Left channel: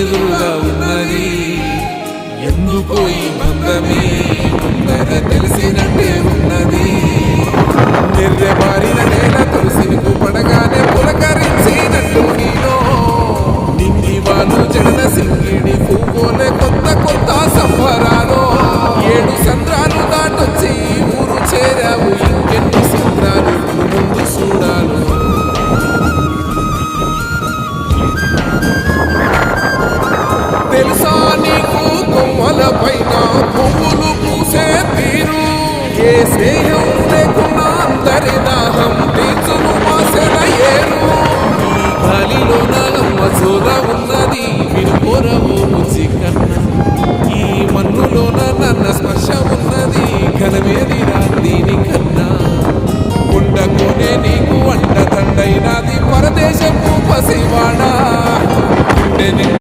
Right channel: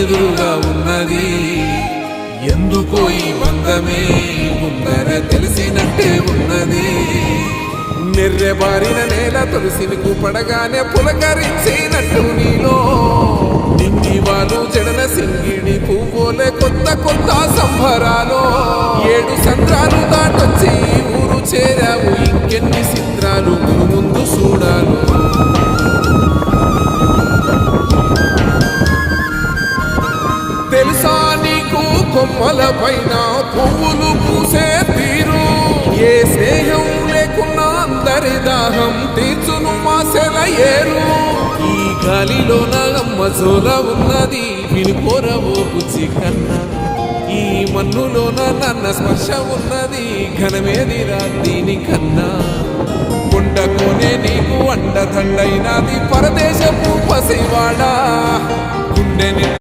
ఎదురుగా ఉన్నది. ఎందుకో ఈ బంధమే ముందరే తెలిసినట్టే ఉన్నది. నిర్రెబారిన నేల తులసిని పడగానే పులకరించినట్టు నీలో నింగి వాలు చెడన సింగిడి పువ్వులే కొత్త కొత్త సంబరాలు. 7 సంద్రాలు దాటొచ్చి ఊరు చేరావు, ఇంకెన్ని చిత్రాలు ముందు చూడాలు. తెలుసా నీకు కొమ్మల పైన పువ్వులు పూసే తీరు? ఏ స్నేహం లేకున్నా అందరి దాహం తీర్చును మాసెల ఏరు. ఈ గాలిలో నాగమ్మ జోల ఉన్నది, వినుకోరవో బుజ్జి కన్నా. ఈ మన్నులోన నన్న స్పర్శ ఉన్నది, ఘనమేదిరా దీనికన్నా. కొండకోనే నీకు అండదండైనది పరదేశపు పసివాడా. గుండె